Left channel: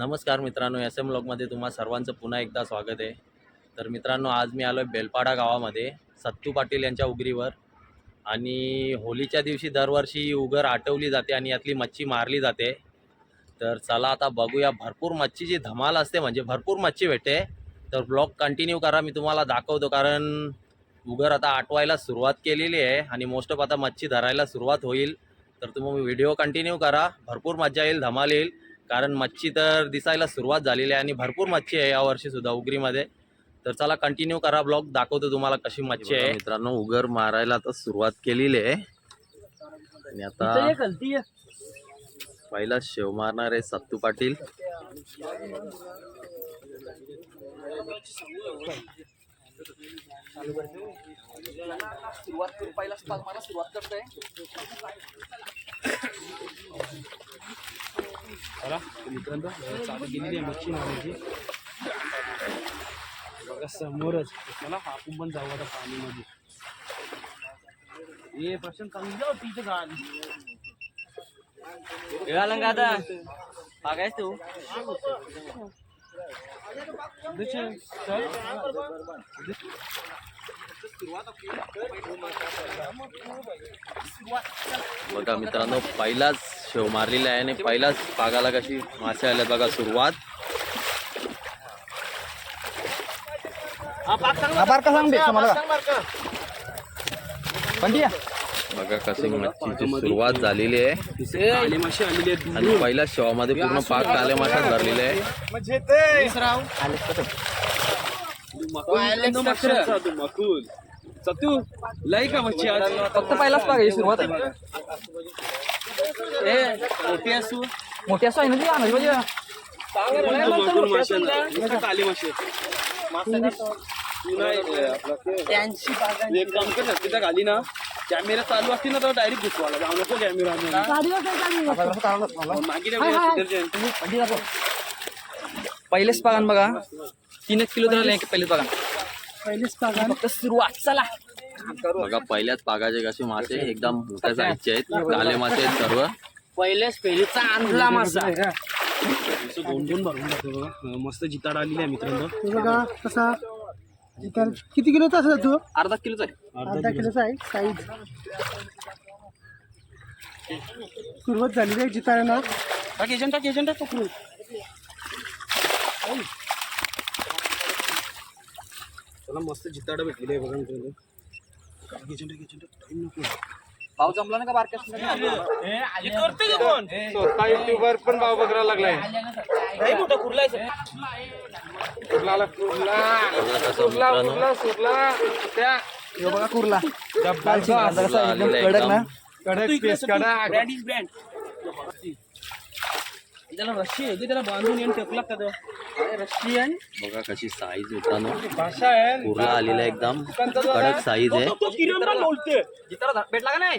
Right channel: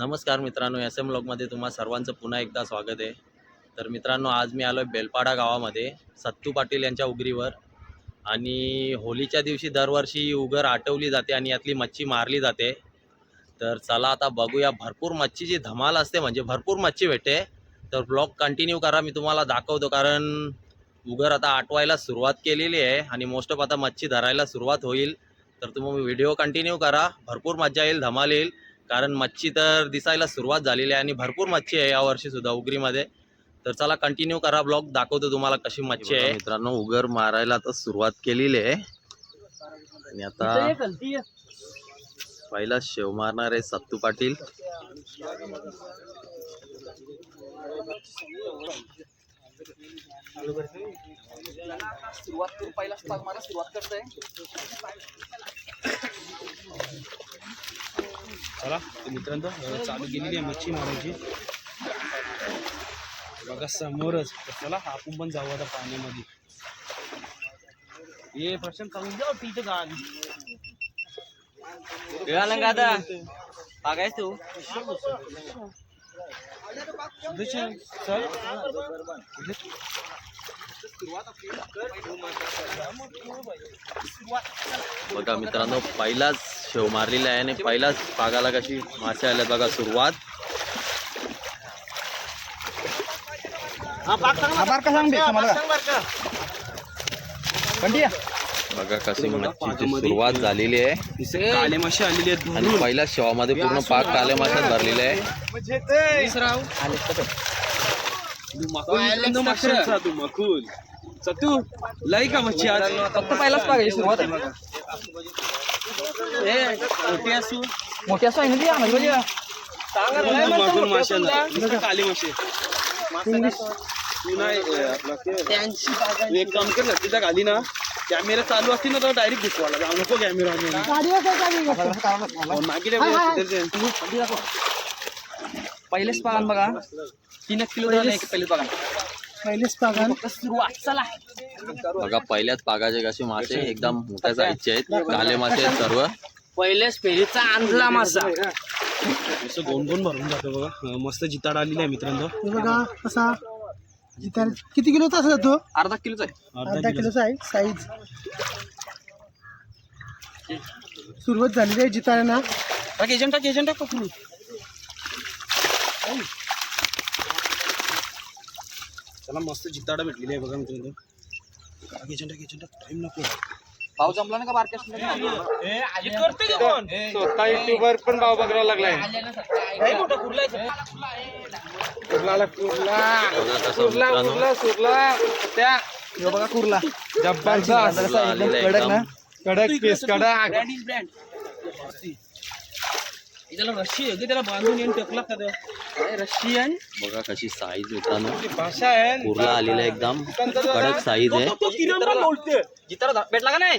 नमस्कार मित्रांनो S M ब्लॉगमध्ये तुम्हा सर्वांचं पुन्हा एकदा स्वागत आहे. तर मित्रांनो आज मी आलो आहे बेलपाडा गावामध्ये सत्तू पाटील यांच्या उगरीवर. आणि होलीच्या दिवशी दरवर्षी उगर आटवली जाते आणि यातली मच्छी मारली जाते. तर चला आता बघूया भरपूर मच्छीची धमाल असते म्हणजे भरपूर मच्छी भेटते. तर ब्लॉग कंटिन्यू करा मी तुम्हाला दाखवतो कारण उगर आता आटवायला सुरुवात केलेली आहे आणि मोस्ट ऑफ आता मच्छी धरायला सुरुवात होईल. तर तुम्ही व्हिडिओ कंटिन्यू करा भरपूर मजा येईल धमाल येईल. कारण मच्छी तर दिसायला सुरुवात झालेली आहे आणि भरपूर मच्छी आहे यावर्षी सुद्धा उगरीमध्ये. तर चला कंटिन्यू करा ब्लॉग दाखवतो तुम्हाला कशी मच्छी आहे. मित्रांनो उगर मारायला आता सुरुवात केलेली आहे. आणि आता पहिला शेव मारणार आहे सत्तू पाटील. सुरुवात करू पहिला स्टार मला सुरुवात करतोय चला मित्रांनो चालू केलेली आहे मच्छी मारायची बघा समोरच चला आपण पण जाऊ आता पाण्यामध्ये ये प्रशांत चालून जा तिथं गाडी आता बघायच तू बघा मित्रांनो पहिलाच शेव मारलेला आहे आणि पहिलाच पागाला कशी मासे आल्या बघा सुरुवात. बघा कशी मच्छीची सुरुवात झालेली आहे. काले मासे आलेली आहेत आणि पहिल्या शेवामध्ये पूर्ण पाक काल्या माशात भरलेला आहे. तू? मकुल सतू लाई का मच्छी आज? फक्त पहिलाच बघायची सुरुवात आहे. ए मोठी असू. मोठी असू आहे ना ती? नुसतं काले मासे तू नाही अं, एक काम कर तिथं खाली ना. कॅमेरा चालू असतील ना तर डायरेक्ट जाऊ नको कॅमेरा पहिलेच पागन बघा. तीन एक किलो आहे पहिलेच पागन पहिलेच पागन फक्त सुरुवात चला. बघा पहिल्याच पागाचे कसे मासे एकदम मोठ्या साईजचे आहेत. काले मासे आहेत सर्व. पहिल्याच फेरीचा आणला मासा. दोन दोन भरून जातो बघा. मस्त जिताड आलेली आहे मित्रांनो. बघा कसा? जिथं किती किलोचा असेल तो? अर्धा किलोचा आहे. अर्धा अर्धा किलो किलोचा आहे साईज सुरुवात झालेली आहे जिताना टाक एजंट टाक एजंट टाक पकडून. चला मस्त जिताडा भेटलेली आहे बघा मित्रांनो. टाक एजंट टाक एजंट टाक. टाइम नको. पाव जमला ना. का बारक्या स्वतः युट्यूबर पण भाव बघायला लागलाय. बघा कसं मित्रांनो. हे बघा कुर्ला. कुर्ला आलेला आहे एकदम. कडक पेस कडक. त्याला रशी आहे त्याला बांधून येऊन टेकला का रशियन बघा कशी साईज मित्रांनो. भाषा आहे. कुर्ला आलेला आहे एकदम. कडक साईज आहे. भेटला का नाही.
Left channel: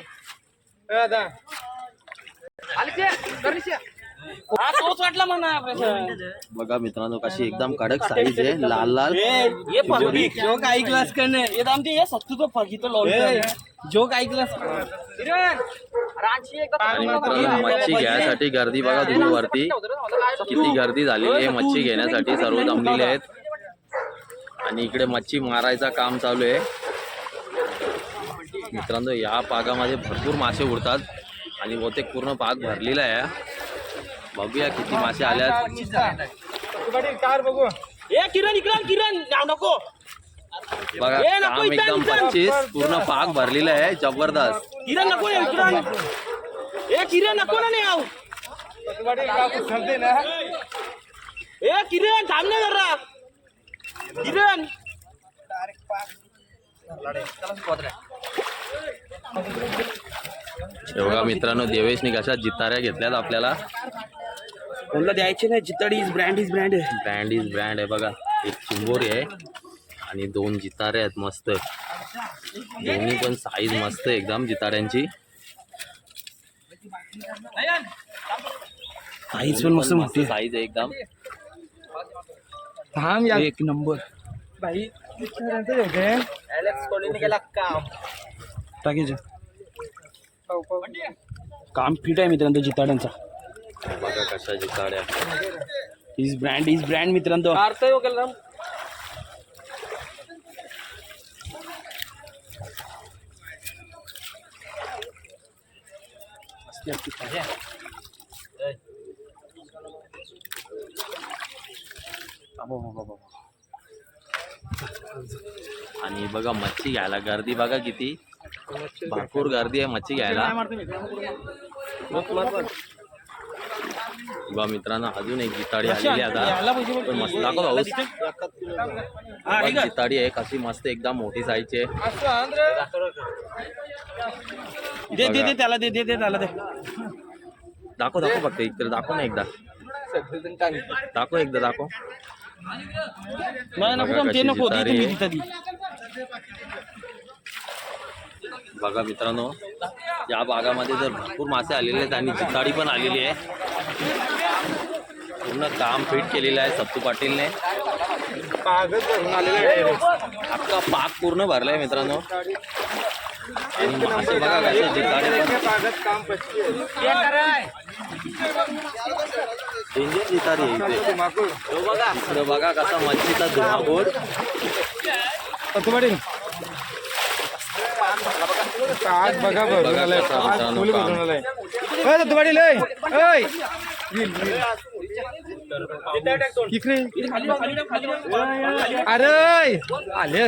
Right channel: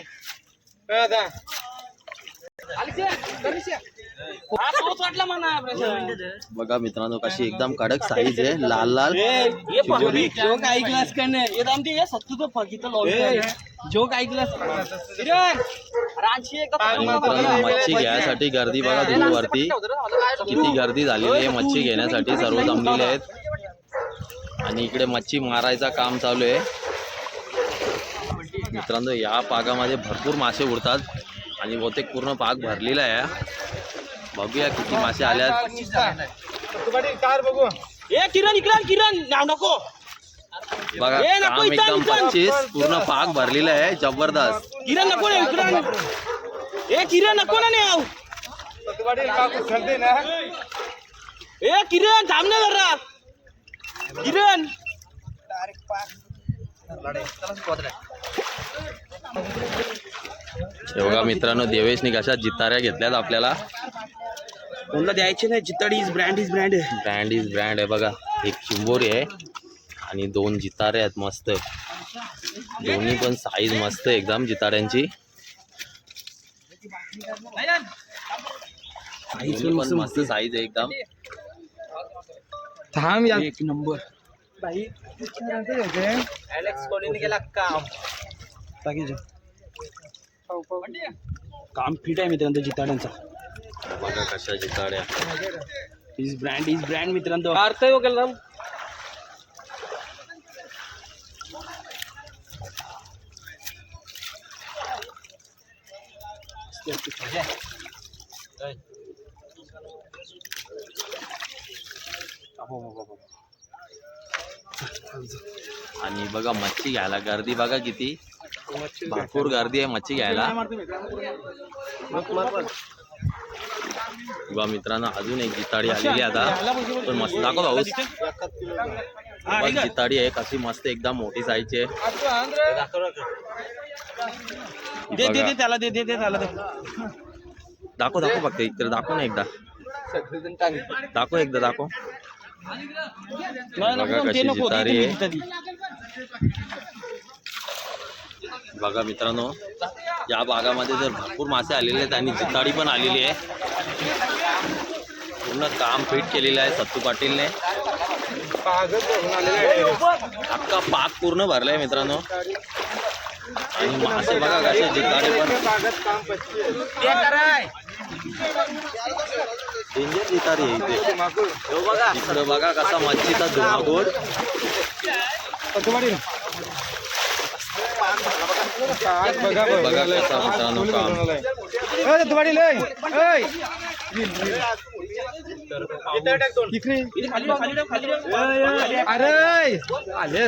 हा, तोच वाटला म्हणा प्रशांत. बघा मित्रांनो कशी एकदम कडक साईज आहे लाल लाल. जोक ऐकलास का नाही? येत आमचे हे सत्तू तो फकीचं लावलं जोक ऐकलास? आणि मित्रांनो मच्छी घ्यायसाठी गर्दी बघा तुम्ही वरती. किती गर्दी झालेली आहे मच्छी घेण्यासाठी सर्व जमलेले आहेत. आणि इकडे मच्छी मारायचा काम चालू आहे. मित्रांनो या पागामध्ये भरपूर मासे उडतात. आणि बहुतेक पूर्ण पाग भरलेला आहे. बघूया किती मासे आल्यात. ए किरण इकडे किरण. नाव नको. बघा काम एकदम पच्चीस पूर्ण पाग भरलेला आहे जबरदस्त. किरण नको रे इकडं ए किरण नको ना नाही आऊ ए किरण थांब ना जरा. किरण. हे बघा मित्रांनो देवेशनी कशा जिताऱ्या घेतल्यात आपल्याला. कोणला द्यायचे नाही जिताडी is brand is brand brand is brand आहे बघा. एक चिंबोरी आहे आणि दोन जितारे आहेत मस्त दोन्ही पण साईज मस्त आहे एकदम जिताऱ्यांची. साईज पण मस्त साईज आहे. एकदम. थांब या. एक नंबर काम? फिट आहे मित्रांनो जिताड्यांचा बघा कशा जिताड्या इज ब्रँड इज ब्रँड मित्रांनो. काढतोय वगैरे आणि बघा मच्छी घ्यायला गर्दी बघा किती. भरपूर गर्दी आहे मच्छी घ्यायला. बघा मित्रांनो अजून एक जिताडी आलेली आहे? आता. पण मस्त दाखव भाऊ. जिताडी आहे कशी मस्त एकदम मोठी साईजची आहे. दे दे बघा. दे त्याला दे दे दे त्याला दे. दाखव दाखव फक्त इकडे दाखव ना एकदा. दाखव एकदा दाखव. नाही बघा कशी आहे. बघा मित्रांनो या भागामध्ये जर भरपूर मासे आलेले आहेत आणि जिताडी पण आलेली आहे पूर्ण काम फिट केलेलं आहे सत्तू पाटीलने. अख्खा पाक पूर्ण भरलाय मित्रांनो. आणि मासे बघा कसे जिताडी पण. डेंजर जितारी आहे इथे. इकडं बघा कसा मच्छीचा धुमाकूळ. बघा कसा मित्रांनो काम. अरे! आले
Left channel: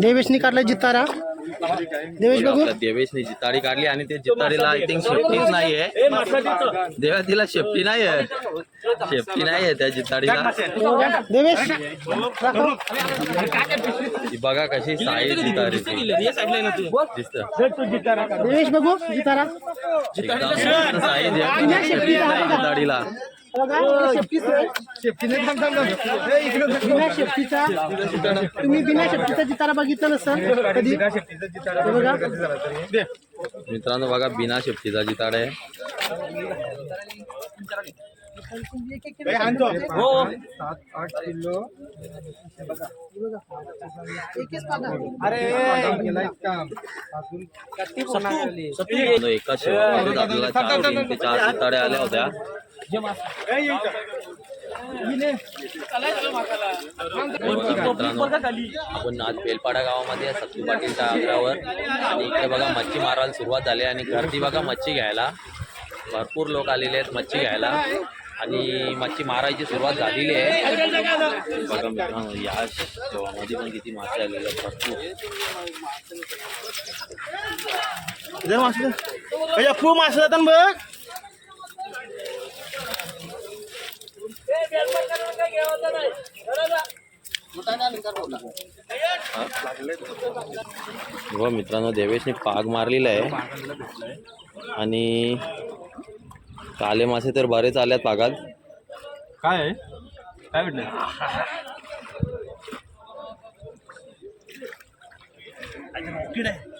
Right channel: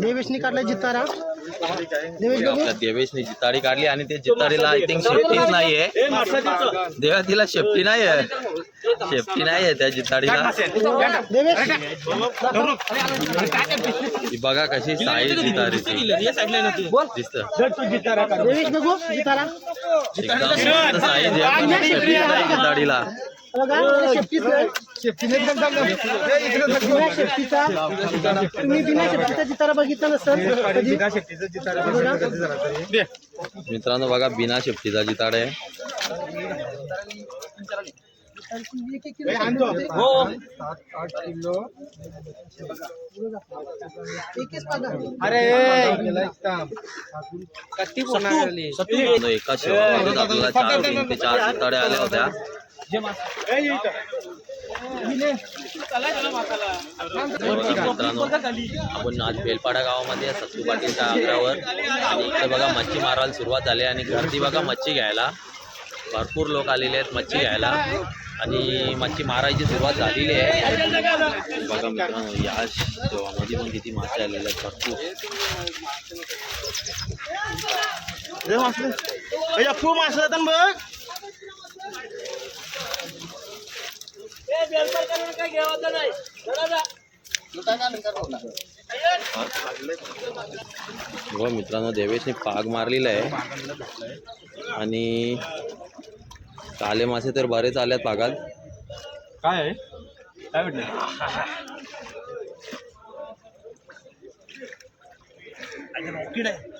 देवेशनी काढला जितारा देवेश बघा, बघू आपल्या देवेशने जिताडी काढली आणि ते जिताडीला आय थिंक शेफ्टीच नाहीये. देवा तिला शेफ्टी नाहीये. शेफ्टी नाहीये त्या जिताडीला बघा कशी दिसत. बघू जितारा शेफ्टी नाही जिताडीला तुम्ही बिना शेफ्टीचा जितारा बघितला नसेल कधी. मित्रांनो बघा बिना शेफ्टीचा जिताड आहे. एकच पागा. मित्रांनो, एका शेवामध्येच आपल्याला चार तीन ते चार जिताड्या आल्या होत्या. हे बघा मित्रांनो आपण आज बेलपाडा गावामध्ये सत्तू पाटीलच्या आग्रावर आणि इकडे बघा मच्छी मारायला सुरुवात झाली आणि गर्दी बघा मच्छी घ्यायला. भरपूर लोक आलेले आहेत मच्छी घ्यायला. आणि मच्छी मारायची सुरुवात झालेली आहे. बघा मित्रांनो या शेवामध्ये पण किती मासे आलेले आहेत भरपूर. फू मासे. जातात बघ. हो मित्रांनो देवेशने पाग मारलेला आहे. आणि काले मासे तर बरेच आल्यात पागात. काय आहे? काय भेटलं? रॉकेट आहे.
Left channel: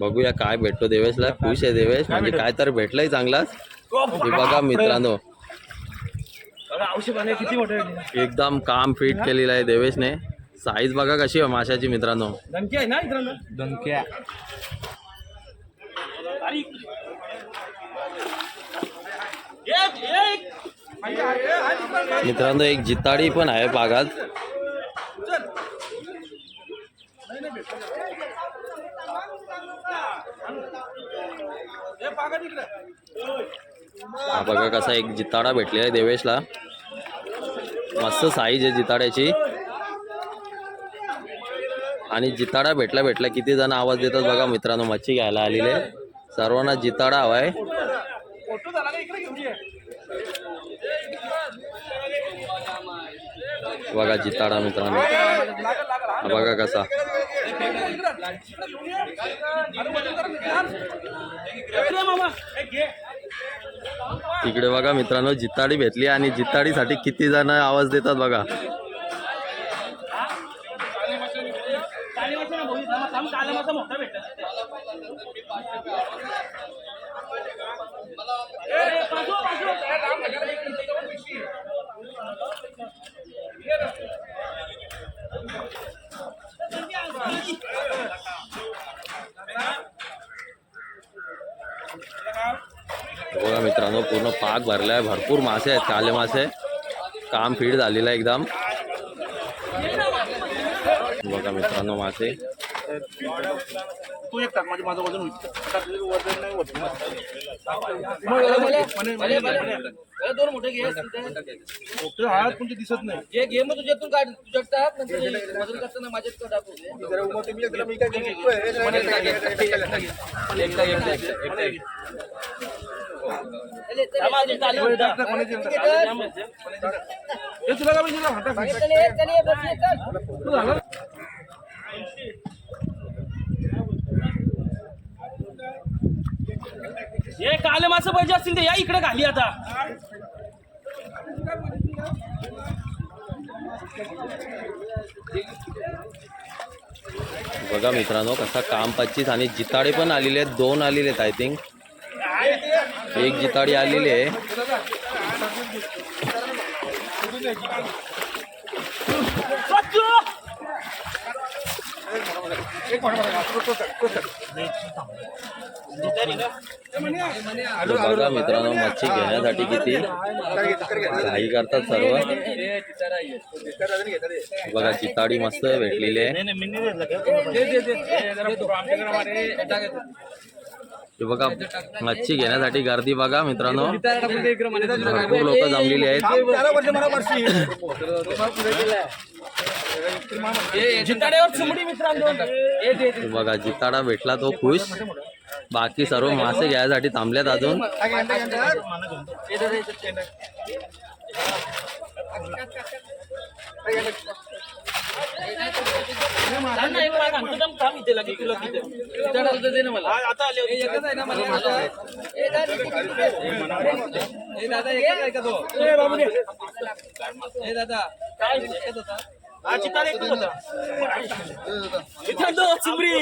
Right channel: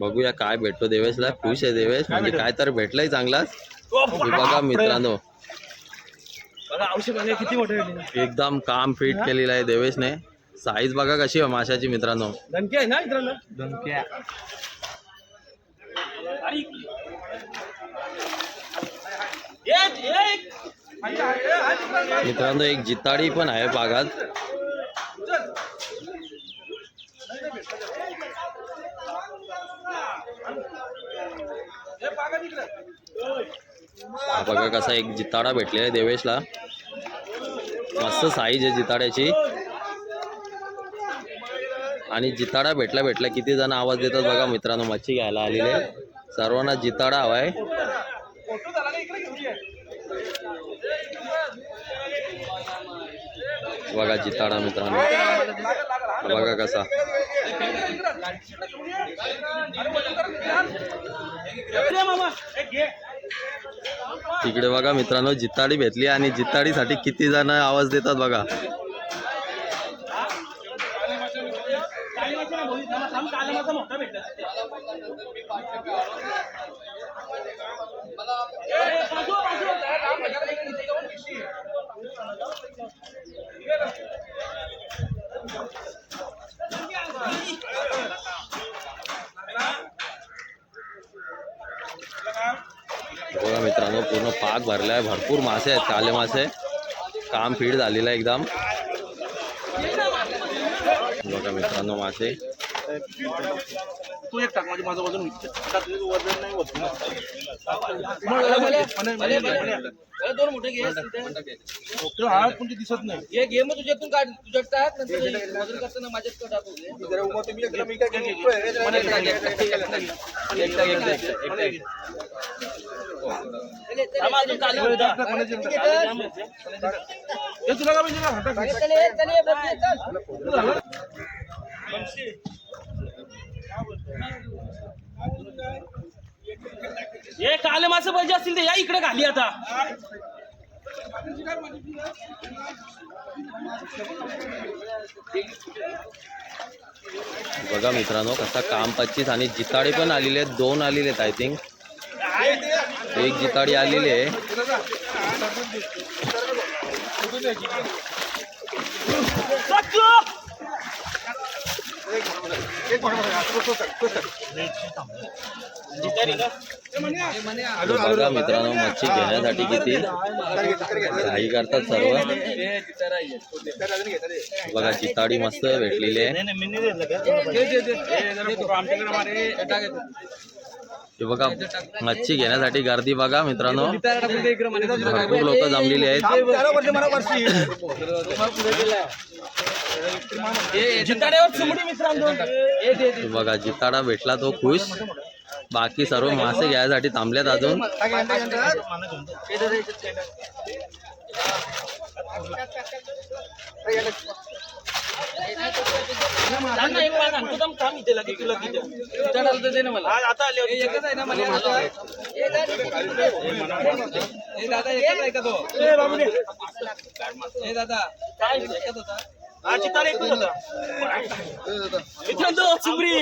बघूया काय भेटतो देवेशला. खुश आहे देवेश. म्हणजे काय तर भेटलंय चांगलाच. बघा मित्रांनो. बघा औषध पाणी किती मोठे एकदम काम फिट केलेलं आहे देवेशने. साईज बघा कशी आहे माशाची मित्रांनो. आहे ना मित्रांनो? धनक्या अरे. एक एक. मित्रांनो एक जिताडी पण आहे पागात हा बघा कसा एक जिताडा भेटलेला आहे देवेशला. मस्त साईज आहे जिताड्याची. आणि जिताडा भेटला भेटला किती जण आवाज देतात बघा मित्रांनो मच्छी घ्यायला आलेले सर्वांना जिताडा हवाय. बघा जिताडा मित्रांनो. बघा कसा. तिकडे बघा मित्रांनो जिताडी भेटली आणि जिताडीसाठी किती जण आवाज देतात बघा. बघा मित्रांनो पूर्ण पाक भरला आहे भरपूर मासे आहेत काले मासे. काम फीड झालेलं आहे एकदम. बघा मित्रांनो मासे. तू एक टाक म्हणजे माझं वज़न होईल आता तुझं वज़न नाही होत. दोन मोठे घे मोठं हा पण दिसत नाही. हे घे मग तुझ्यातून काढ तुझ्यात टाक नंतर वज़न करताना माझ्यात टाकू. हे तुला काय पाहिजे? ना? टाक. हे काले मासे पाहिजे असतील ते या इकडे खाली आता. बघा मित्रांनो कसा काम पच्चीस आणि जिताडे पण आलेले आहेत. दोन आलेले आहेत आय थिंक एक जिताडी आलेली आहे. बघा मित्रांनो मच्छी घेण्यासाठी किती घाई करतात सर्व. बघा जिताडी मस्त भेटलेली आहे. हे बघा मच्छी घेण्यासाठी गर्दी बघा मित्रांनो. भरपूर लोक जमलेली आहेत. बघा जिताडा भेटला तो खुश. बाकी सर्व मासे घ्यायसाठी थांबल्यात अजून. थांब ना, एक पाय सांगतो थांब, थांब इथे लगे, तुला किती. जिताड्याला तर दे ना मला एकच आहे ना मला दादा, दादा एकच आहे. का तो? ए बाबू रे. दादा काय? एकच होता जिताडा एकच होता? मित्रांनो, चिमडी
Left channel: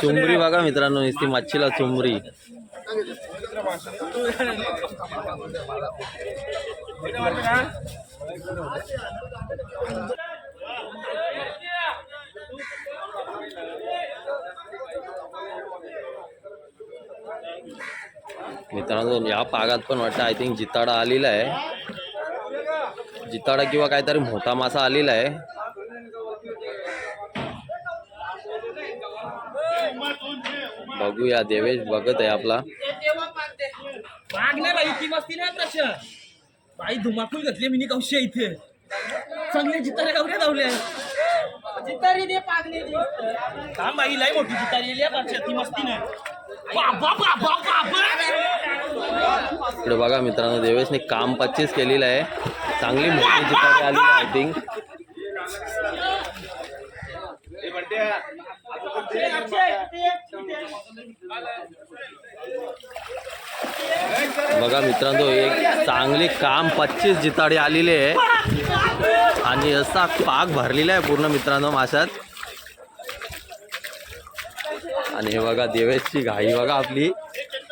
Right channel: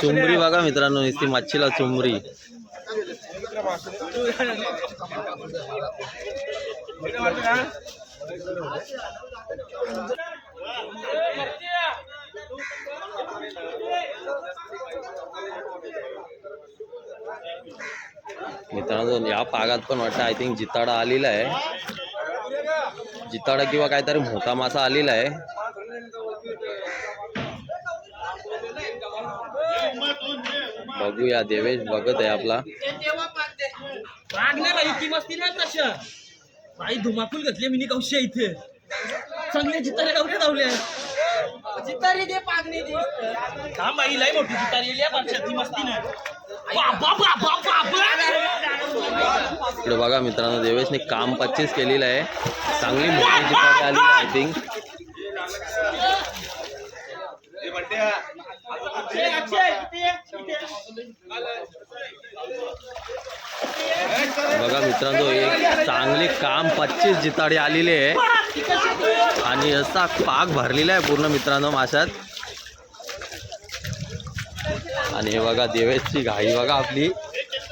चुंबरी बघा मित्रांनो नुसती मच्छीला चुंबरी मित्रांनो या पागात पण वाटतं आय थिंक जिताडा आलेला आहे. जिताडा किंवा काहीतरी मोठा मासा आलेला आहे. बघूया देवेश बघत आहे आपला. पाग नाही बाई ती मस्ती नाही तशा बाई धुमाकूल घातली मी कौशा इथे. चांगले जितारे गावले धावले जितारी दे पागणे दे. थांब बाई लय मोठी जितारी ती मस्ती नाही. बाबा बाबा बाबा. इकडे बघा मित्रांनो देवेशने काम पच्चीस केलेलं आहे. चांगली मोठी जितारी आलेली आय थिंक बघा मित्रांनो एक चांगली काम पच्चीस जिताडी आलेली आहे. आणि असा पाक भरलेला आहे पूर्ण मित्रांनो माशात. आणि हे बघा देवेशची घाई बघा आपली.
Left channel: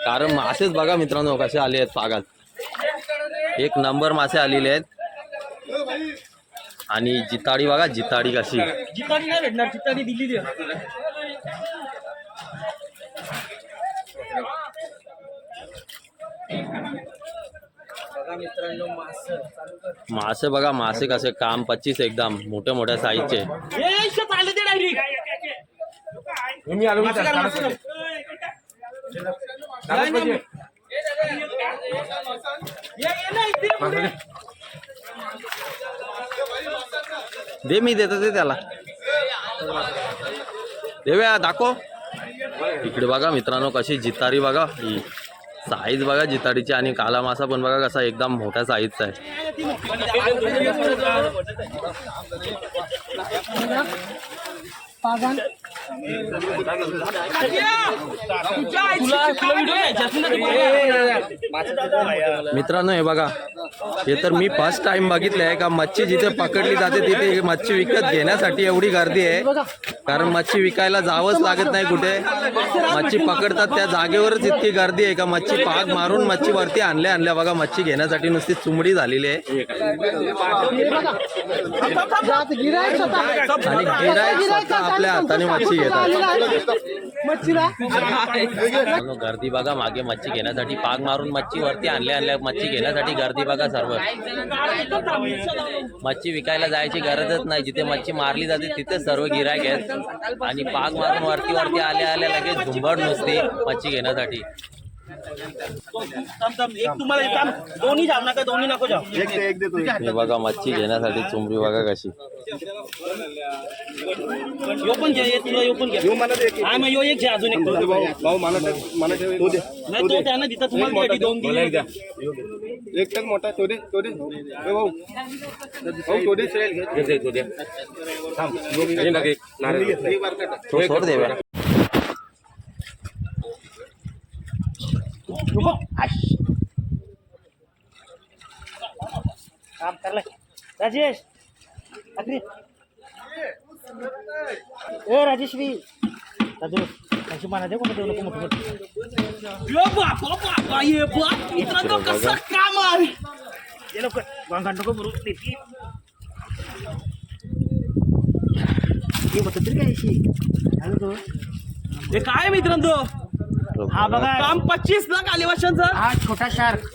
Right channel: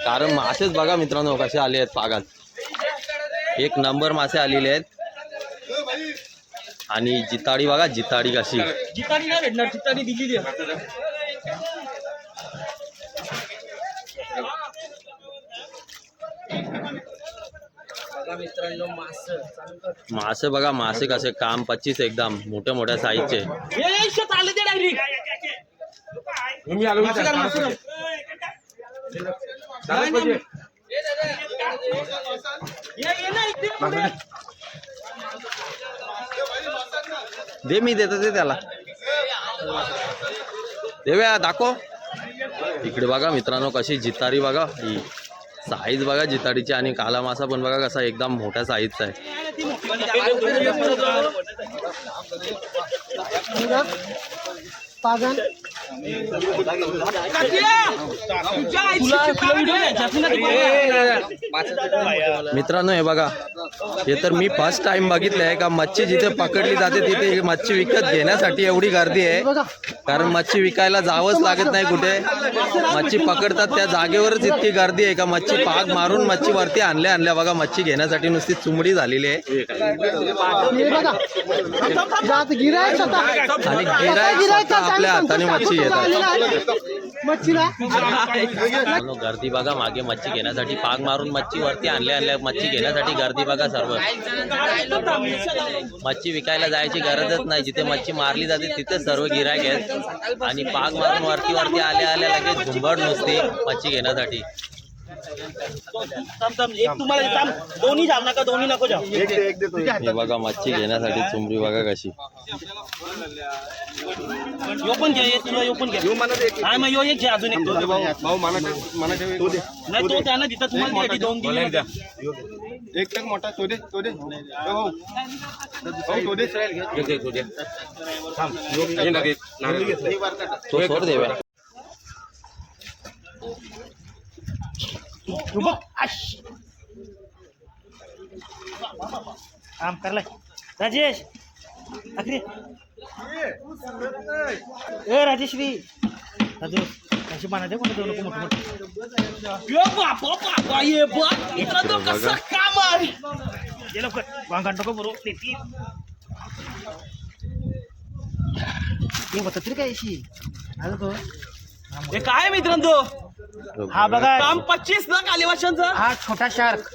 कारण मासेच बघा मित्रांनो कसे आले आहेत पागात. एक नंबर मासे आलेले आहेत. आणि जिताडी बघा जिताडी कशी. जिताडी नाही भेटणार जिताडी दिलेली मासे बघा मासे कसे काम पच्चीस एकदम मोठ्या मोठ्या साईजचे. दे मी देतो ते त्याला. देव्या दाखव. इकडे बघा मित्रांनो कशी जितारी बघा. ही साईज बघा जितारीची आणि काला मासा पण बघा कसा एकदम मोठ्या साईजचा आहे. बघा. मित्रांनो हे बघा. हे तर मी फर्स्ट टाइम बघितलं आहे का मच्छी जिथे पकडली जाते तिथे मच्छी विकत घेण्यासाठी एवढी गर्दी आहे. कारण मच्छी विकायला जावंच लागत नाही कुठे. मच्छी पकडतात त्या जागेवरच इतकी गर्दी आहे का मच्छी पाग मारून मच्छी वरती आणल्या आणल्या. बघा मच्छी घेण्यासाठी नुसती चुमडी झालेली आहे. गिरायक आणि स्वतः आपल्या हाताने मच्छी येतात. मच्छीला गर्दी बघा मागे मच्छी घेण्यासाठी पाग मारून मच्छी वरती आणल्या आणल्या मच्छी घेण्यासाठी गर्दी बघा सर्व. मच्छी विकायला जायची गरजच नाही. जिथे मच्छी मारली जाते तिथे सर्व गिरायक आहेत. आणि पाग मारून वरती वरती आल्या आल्या लगेच झुंबड नुसते मच्छी घेण्यासाठी. एक तुम्हाला एक काम दोन्ही जाम नका दोन्ही नको जाऊ. हे बघा मच्छी घेण्यासाठी चुमरी बघा कशी. यो पण घे एक तुला यो पण घे. हा मग यो एक घे अजून एक तो. भाऊ मला मला नाही तो त्यानं दिता तुम्हाला दोन दिली एक टक मोठा तो दे तो दे. ए भाऊ भाऊ, तो दे. तो सोड देव्या काम करलाय राजेश अखरे ए राजेश्री राजेश कशी म्हणायचे कोणतं देऊ नको मोठं यो बापा बापा ये बाप इकडं तो कसा काम आहे ये लवकर वांगण नको बरोबर देती हे होतं तरी काय अशी आणि तो हे काय मित्रांनो हा बघा. काम पच्चीस लाख आले वर्षांचं हा छोटा शार्क.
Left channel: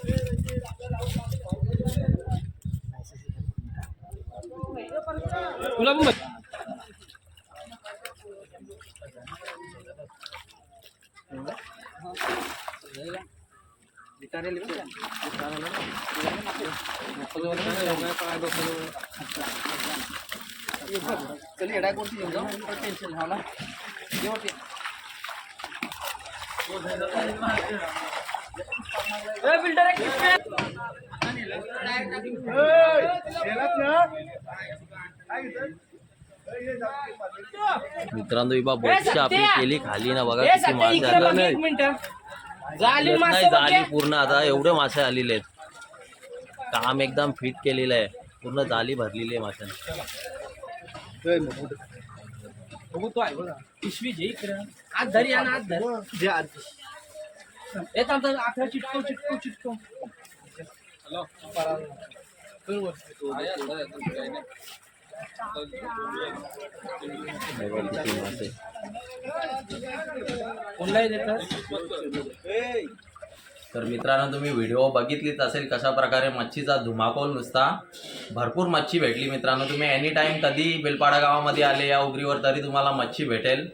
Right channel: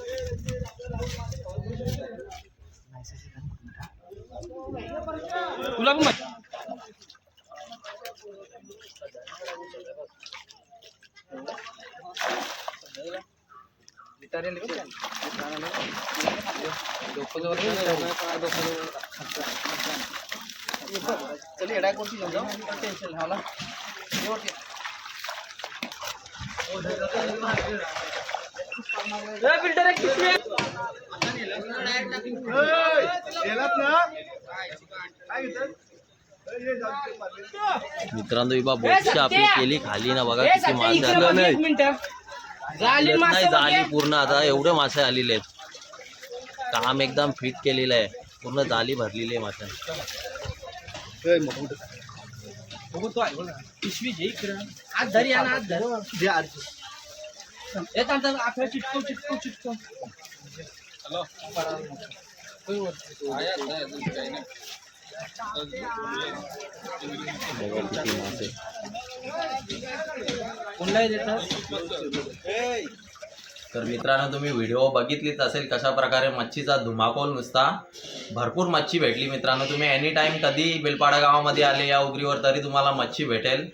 तुला पण बघ. मित्रांनो ही बोटची आपली केली खाली ना बघा किती मासे आले एक मिनिट. झाली नाही झाली पूर्ण. आता एवढे मासे आलेले आहेत. काम एकदम फिट केलेलं आहे. पूर्ण जाली भरलेली आहे माशांनी पिशवी घे इकडं. आज धरी या ना आज धर हे थांब थांब आखरा चिटकव बघा किती मासे कोणलाही देतात तर मित्रांनो तुम्ही व्हिडिओ बघितलीच असेल कशा प्रकारे मच्छीचा धुमाकूळ नुसता. भरपूर मच्छी भेटली मित्रांनो. तुम्ही एनी टाइम कधी बेलपाडा गावामध्ये आले या उगरीवर तरी तुम्हाला मच्छी भेटेल.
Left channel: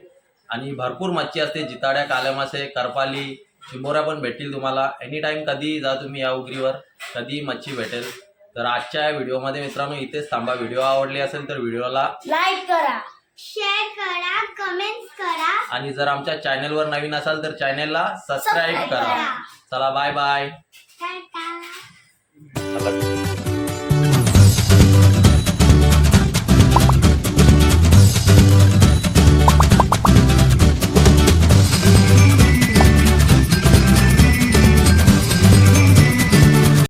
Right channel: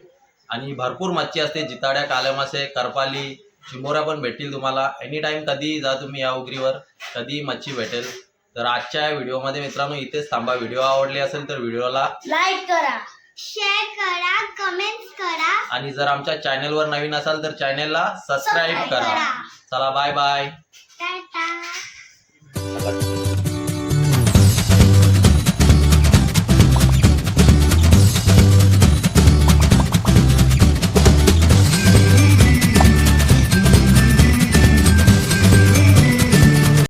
आणि भरपूर मच्छी असते जिताड्या कालेमासे करपाली चिंबोऱ्या पण भेटतील तुम्हाला. एनी टाइम कधी जा तुम्ही या उगरीवर कधी मच्छी भेटेल. तर आजच्या या व्हिडिओमध्ये मित्रांनो इथेच थांबा. व्हिडिओ आवडली असेल तर व्हिडिओला लाईक करा शेअर करा कमेंट्स करा. आणि जर आमच्या चॅनलवर नवीन असाल तर चॅनलला सबस्क्राईब करा. चला बाय बाय टाटा चला